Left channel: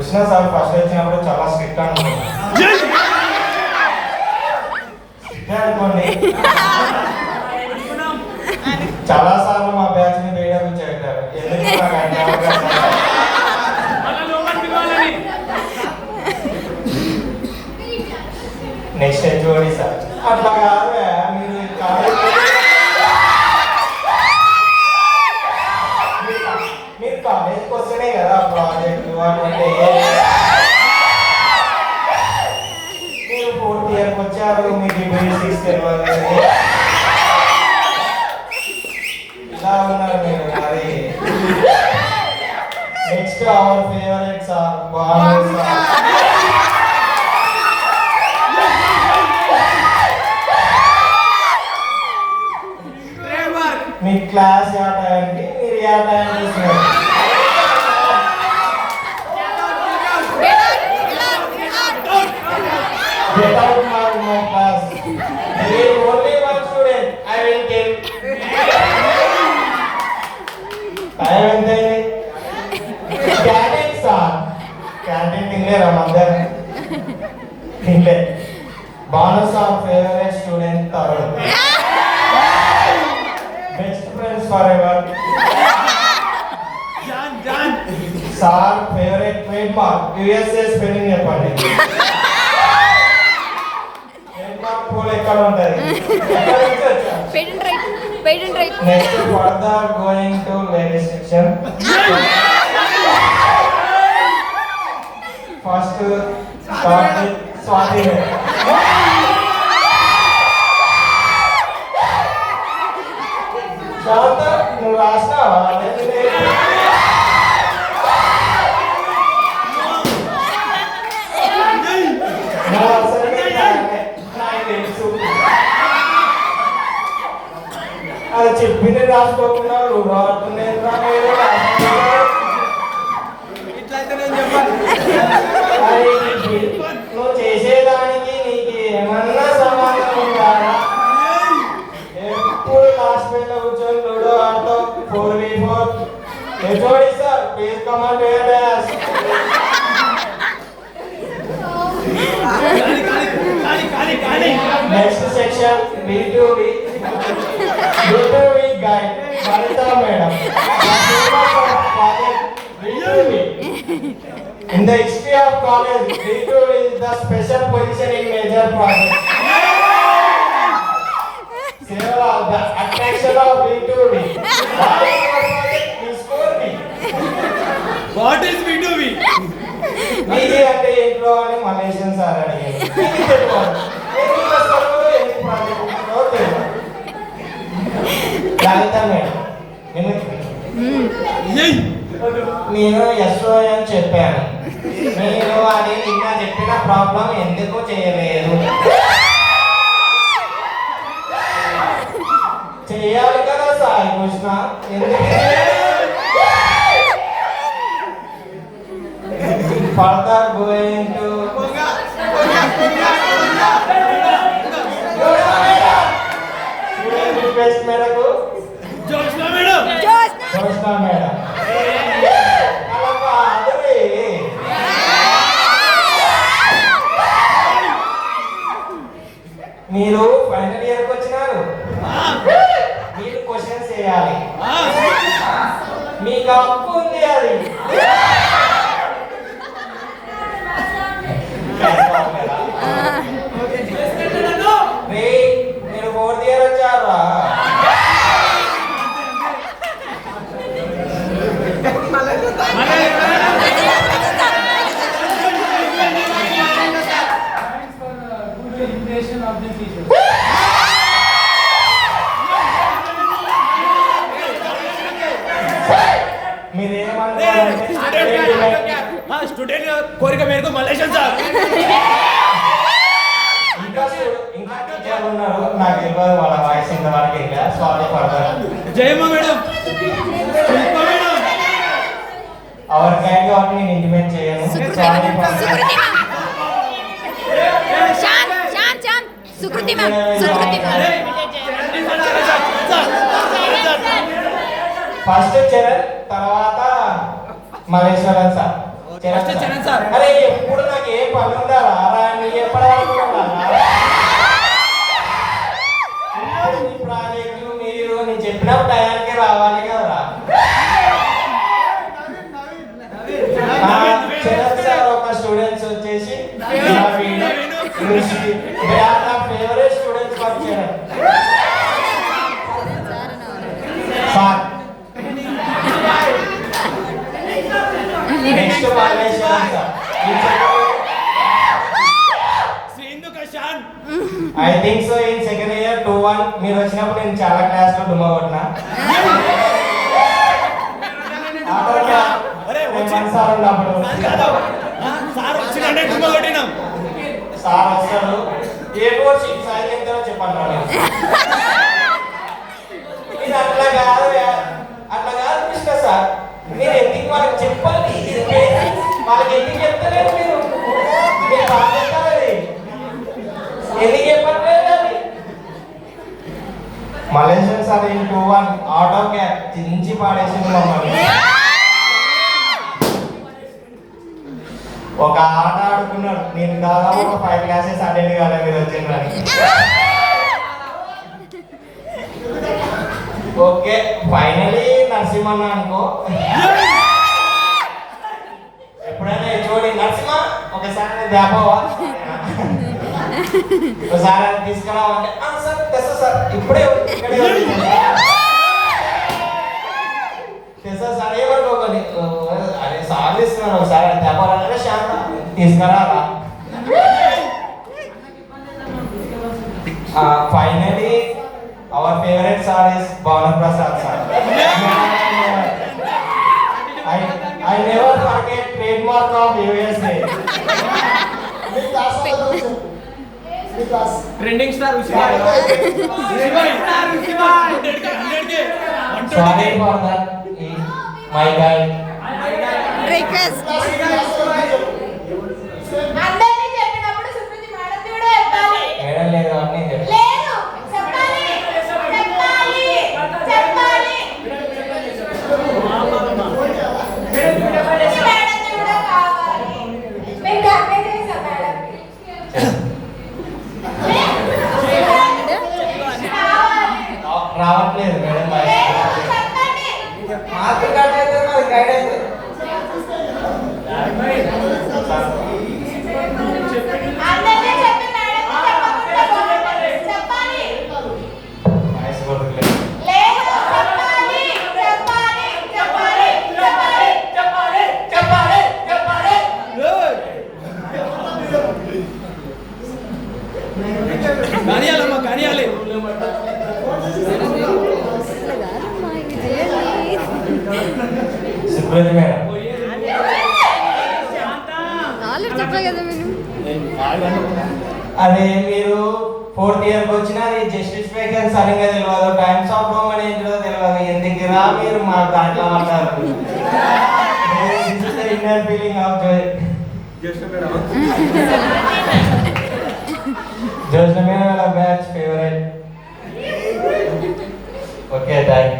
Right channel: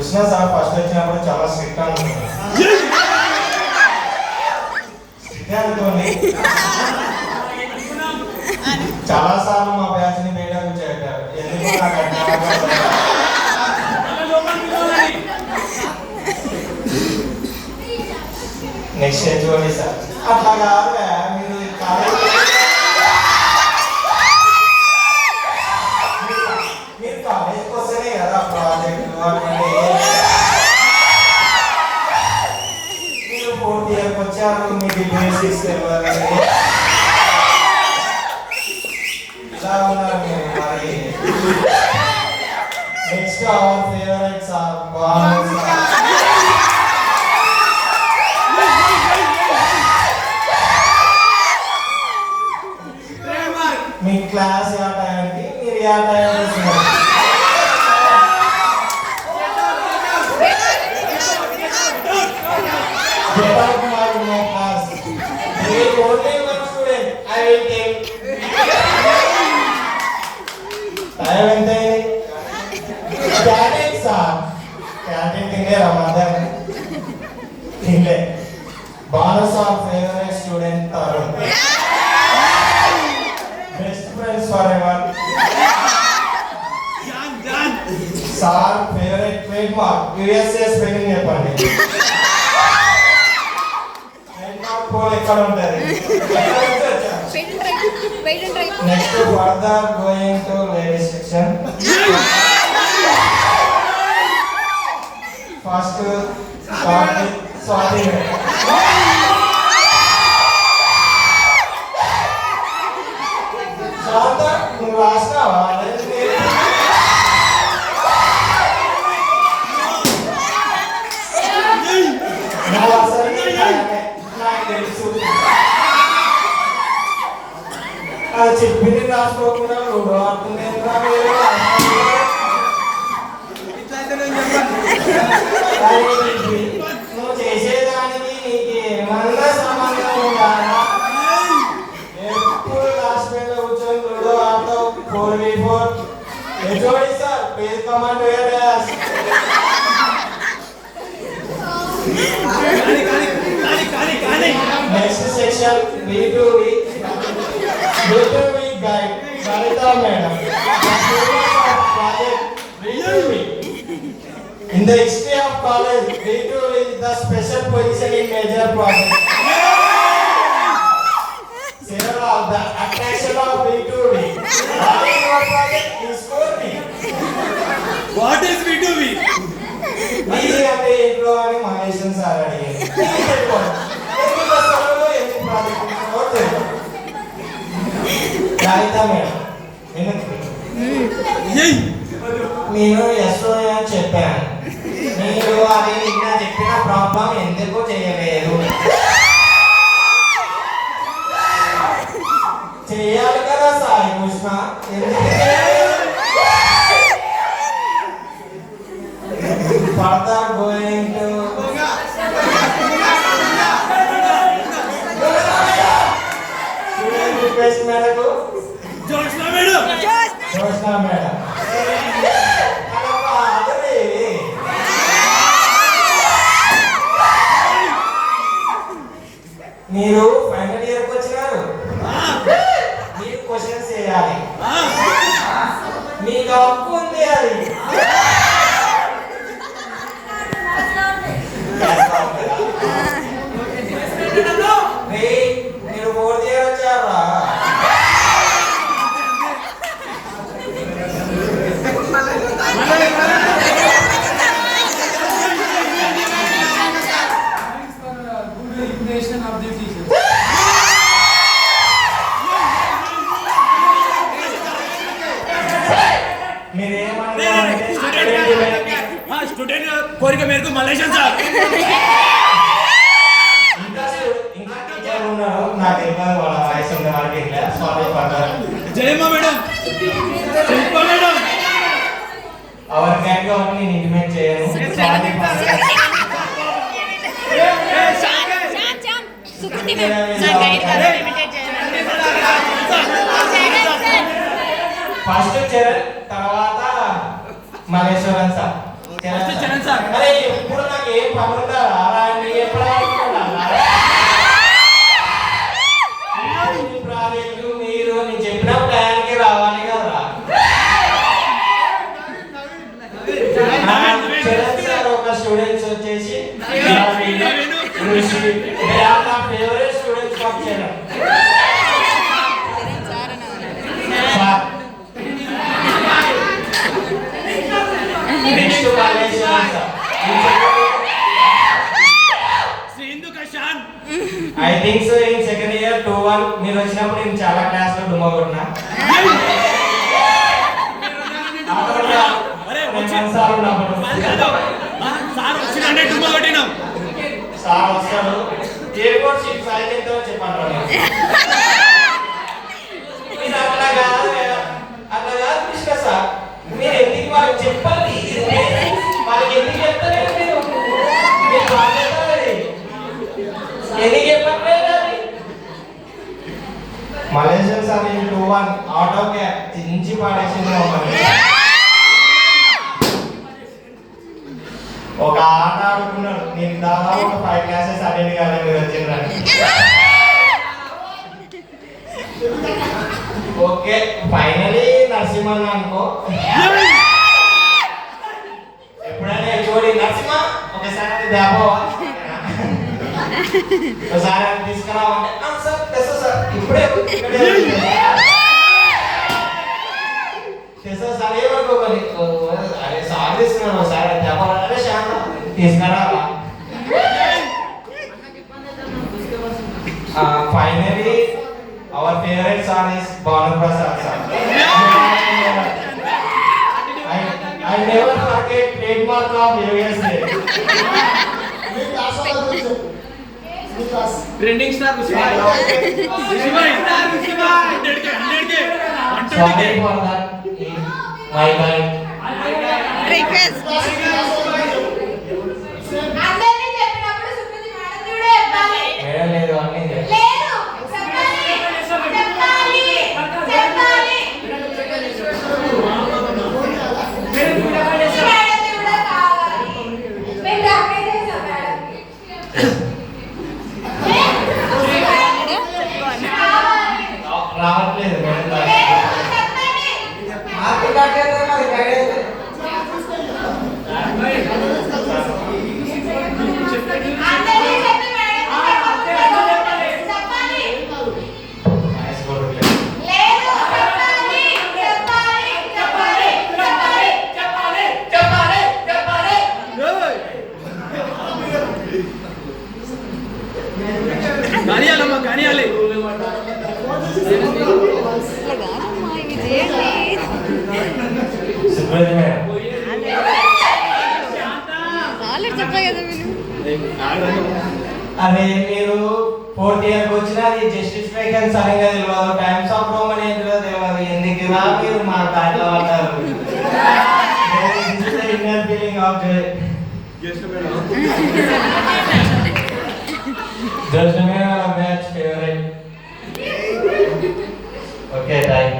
Krishna sir first వచ్చినప్పుడు చాలా strict అనుకోండి. చాలా సార్లు మా బ్యాచ్ ని వేయడం కూర్చోబెట్టారు. ఎందుకు నాకు అన్యాయంగా నెక్స్ట్ చూడండి సార్ అట్లా కాదు మీరు కాలేజ్ మీరు కాలేజ్కి వస్తేనే కదా ప్రాజెక్టు అంటే మీరు 4th ఇయర్కి వచ్చారు మీకు బేసిక్స్ తెలియదు ఇలా ఉన్నారు మీరు మరి. నెక్స్ట్ అవర్ ఫేవరెట్ సార్ బాగుంది సార్. మీ క్లాస్ ఏ టైంకి మీరు ఏ టైం చేస్తున్నారు? Get out my class. There is only one student. I will tell. Time ఎంత అయింది? Canteen sir. క్యాంటీన్ తినేరా మధ్యాహ్నం? తినలే. Banu sir favourite student Tarun. Best friends forever. John. Sir favorite trademark USA spelling చెప్పండి. trademark pole ఎక్కడ ఉంటది? Patent right. Next further going to ladies section. First start with Swati. శాంత నువ్వు రాసినావా? నువ్వు అసలు నాకు తెలుసు. అది చెప్పింది రాసుకోకుండా నువ్వు నువ్వు చేసేదానికి నీకు ఏమన్నా సంబంధం ఉండాలా? ఎప్పుడు లాస్ట్ బెంచ్ లో కూర్చొని లూడో ఆడుతూ 4v4. HOD sir please come and where as. Next section B2B guide Lalitha madam. B2B in the history of college, B2B is the special position in major project. The attraction of B2B. What is your project? Please score me. What is B2B? మీది అంటే ఏంటో అని మహేషన్ sir అడిగారు. ఎన్ని బస్సులలో ఎన్ని ప్రాజెక్టులు తెలియదు. లలిత మేడం నేను ఎస్ఓ అని చెప్పాను. మీరు అది నిన్న చెప్పిన ప్రాబ్లం ఎందుకు చేయలేదు? చేయాలి కదా Sai Krishna. Further going to request మేరకు జోష్నా మేడం. మీరు ఫైనల్ ఇయర్కి వచ్చినారు. మీరు క్వశ్చన్స్ చేయాలి. మీకు హక్కు ఉంది. అది మీరు 4th ఇయర్ వచ్చారా? స్టూడెంట్ కోరిక మేరకు మలేషియన్ సార్. ఇంకా టీచర్లు ఉన్నారు. నాకు ఇవ్వాలి వాళ్ళ వాయిస్ ఇంతవరకు ఇంకా. Sorry for that. Jayamma madam. Shilpa madam. Our gang కాబట్టి నేను ఇంటిమేట్ చేయను. Sorry for that. Sukriti ma'am. First Charan తర్వాత Malleswaran sir. First Charan sir. అరే ఇప్పుడు నాకు ఏ పని ఉందా రా నీ ఎప్పుడనుకున్నా ప్రాజెక్టు మీరు నేను చెప్పినప్పుడు టయానికి రావాలి కదా. చరణ్ సార్ ఒక స్టూడెంట్స్ వచ్చేసి ఫేవరెట్ స్టూడెంట్స్ వచ్చారు sir. Next Malaysian sir. I think so in second year 2-1 మీరు వచ్చినప్పుడు నేను చాలా క్లాస్ లో డుమ్మా కొట్టినా. సార్ వస్తాడు ఏ4 షీట్ సైజ్ ఎంతో చెప్పంటాడు. ఇది అట్లా కాదు కృష్ణ సార్. మీరు ఎందుకు వాళ్ళకి చెప్పాలి, వాళ్ళకి ఎందుకు చెప్తలేదు మీరు ఎందుకు చెప్పట్లేదు అది. Malaysian sir in 2-1 out of cap చించి పాడేసింది మమ్మల్ని. ఒక ఆట ఆడుకున్నాడు. నేను దాదాపు 5 క్లాసెస్ అటెండ్ కాలేదు మీరు వచ్చిండ్రని. ఓకే ఫైనలీ నరసింహన్ అనుకో. ఎప్పుడైనా చూడి నరసింహ ఒకసారి దాపవా ఒకసారి తీసుకురావంటే సార్ తెస్తా సార్ ఇప్పుడే తెస్తా సార్ ఏమనుకోకండి. అరే సార్ తీసుకున్నాను ఒకసారి చెప్పాలంటే శాంత తీసుకురా. Finally our favourite sir is Bhanu Prasad sir. I never forget trademark of USA. Trending star Sorry for that. My bad. Request అందరినీ చెప్పినప్పుడు సుప్రతి మేడం కూడా చెప్పాలి. మేడం లేదు అన్నీ లేదు చెప్పాలి చెప్పాలి చెప్పాలి. మేడం కూడా కావాలి. మేము డాక్టర్ చేసాం మేడం. రావట్లేదు మేడం. మార్కులు కట్టేది మరి గైడెన్స్ అందరినీ చెప్పి మేడం చెప్పాలి. నైస్ కొట్టలేదు. లేదు చెప్పాలి చెప్పాలి చెప్పాలి చెప్పాలి చెప్పాలి చెప్పాలి కానియాలమ్మా కానియాలి. అట్లా కాదమ్మా ఇవి చేయండి. సుప్రతి మేడం నాలెడ్జ్ చెప్పా కదా మీరు. అదే మీరు 4th ఇయర్కి వచ్చినా అది జస్టిస్ వేకెన్స్ సరిగ్గా తెలియదు, టైమ్స్ ఆఫ్ రోమ్ అని ఏంటో తెలియదు. ఎందుకు ఇలా మీరు మా దాంట్లో పడ్డారు. Inner feeling of just madam batch favourite. Okay thank